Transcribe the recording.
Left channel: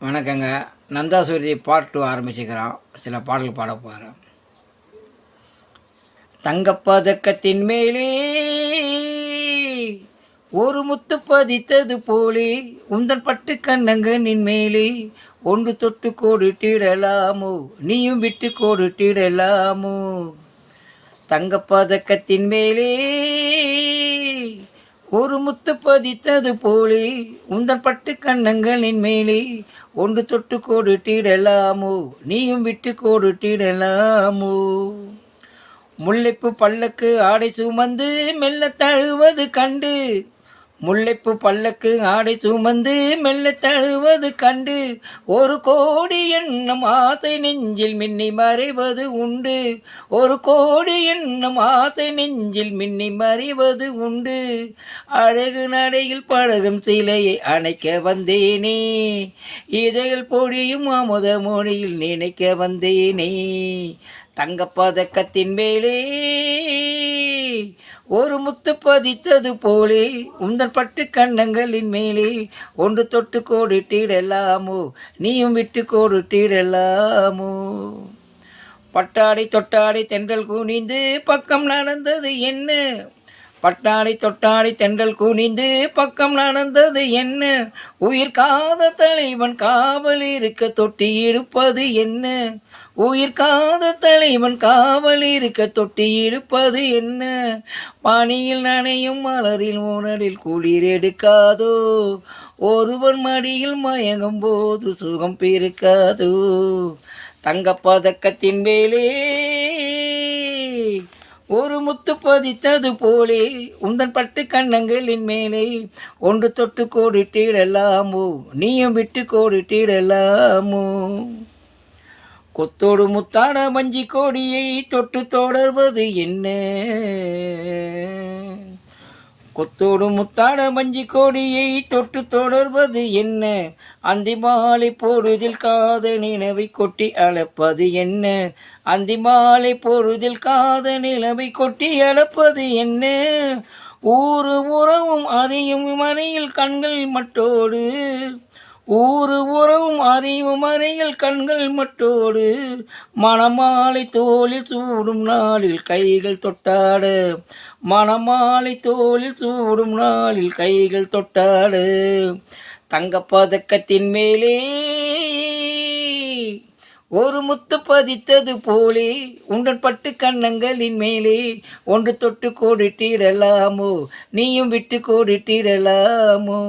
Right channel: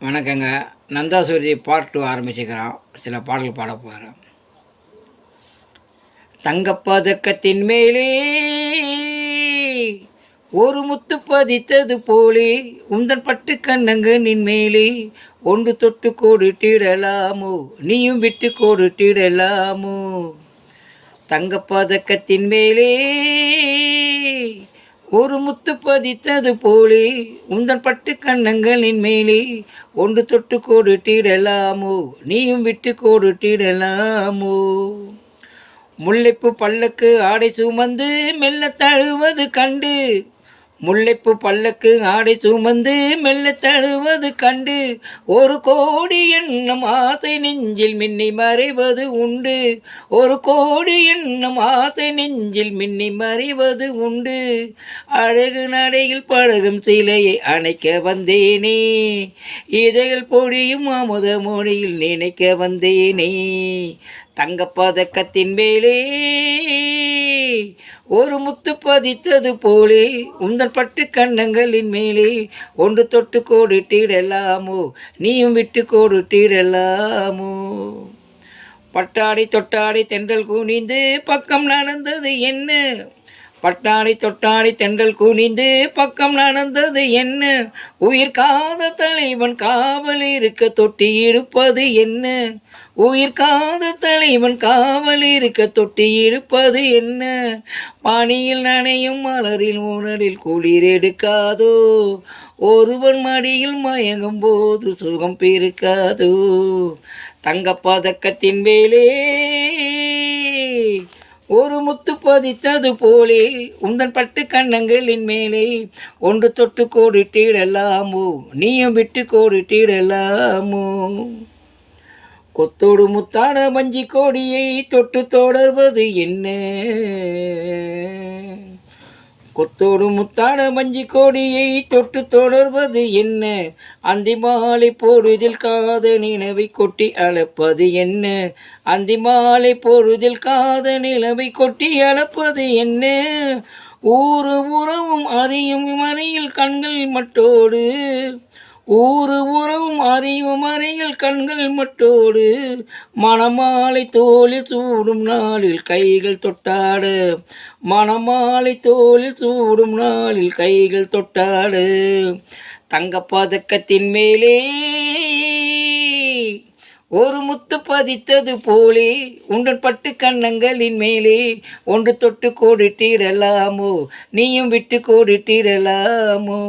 வணக்கங்க. நந்தாசூரி பார்ட் 2 ஆரம்பிச்சுக்கிறோம். சில பாடல்கள் பாட போகிறோம். தங்கப்பதக்கத்தின் மேலே ஒரு முத்து பதித்தது போலே உந்தன் பட்டு கண்ணங்கனின் மேலே ஒன்று தொட்டு கோடிட்டிடலாமோ, நீயும் விட்டு கோடிட்டிடலாமோ. தங்கப்பதக்கத்தின் மேலே ஒரு முத்து பதித்தது போலே உந்தன் பட்டு கண்ணங்களின் மேலே ஒன்று தொட்டு கோடிட்டிடலாமோ, நீயும் விட்டு கோடிட்டிடலாமோ. முல்லைப்பு பல்லக்கு ஆடை சுமந்து மெல்ல தழுவது கண்டு, முல்லைப்பு பல்லக்கு ஆடை சுமந்து மெல்ல தழுவது கண்டு, ஒரு கோடி எண்ணம் ஆசை நெஞ்சில் மின்னி மறைவது உண்டு, ஒரு கோடி எண்ணம் ஆசை நெஞ்சில் மின்னி மறைவது உண்டு. அழகு நடையில் பழகும் சிலையை அணைக்க வந்தேனே, இதழில் பொழியும் அமுத மொழியில் நினைக்க வந்தேனே. தங்கப்பதக்கத்தின் மேலே ஒரு முத்து பதித்தது போலே உந்தன் பட்டு கண்ணங்களின் மேலே ஒன்று தொட்டு கோடிட்டிடலாமோ, நீயும் விட்டு கோடிட்டிடலாமோ. பட்டாடை தொட்டாடை தென்றல் குனிந்து பக்கம் நடந்தது என்ன, பட்டாடை தொட்டாடை தென்றல் குனிந்து பக்கம் நடந்தது என்ன, உயிர் காத தலைவன் காவல் இருக்க தொட்டி இழுப்பது என்ன, உயிர் காத தலைவன் காவல் இருக்க தொட்டி இழுப்பது என்ன. பனியில் நனையும் மலரில் உணரில் குளிர் எடுக்காதோ, ஒருவன் மடியில் மயங்கும் போது சுகம் பிறக்காதோ. தங்கப்பதக்கத்தின் மேலே ஒரு முத்து பதித்தது போலே உந்தன் பட்டு கண்ணங்களின் மேலே ஒன்று தொட்டு கோடிட்டிடலாமோ, நீயும் விட்டு கோடிட்டிடலாமோ. கொத்தோடு முத்தான மஞ்சி கோடியை தொட்டு தொடர்வது என்ன, கொத்தோடு முத்தான மஞ்சி கோடியை தொட்டு தொடர்வது என்ன, அந்தி மாலை பொழுதில் காத நிலவை கொட்டி அளப்பது என்ன, அந்தி மாலை பொழுதில் காத நிலவை கொட்டி அளப்பது என்ன. ஊரு உறவும் அறியும் மறையில் கண்கள் மட்டோடு, ஊரு உறவும் அறிவும் மறையில் கண்கள் மட்டோடு, மணமாலை தோளில் சூடும் நாளில் கைகள் தொட்டாடு, மணமாலை தோளில் சூடும் நாளில் கைகள் தொட்டாடு. தங்கப்பதக்கத்தின் மேலே ஒரு முத்து பதித்தது போலே உடன் பட்டு கண்ணங்களின் மேலே ஒன்று தொட்டு கோடிட்டிடலாமோ, நீயும் விட்டு கோடிட்டிடலாமோ.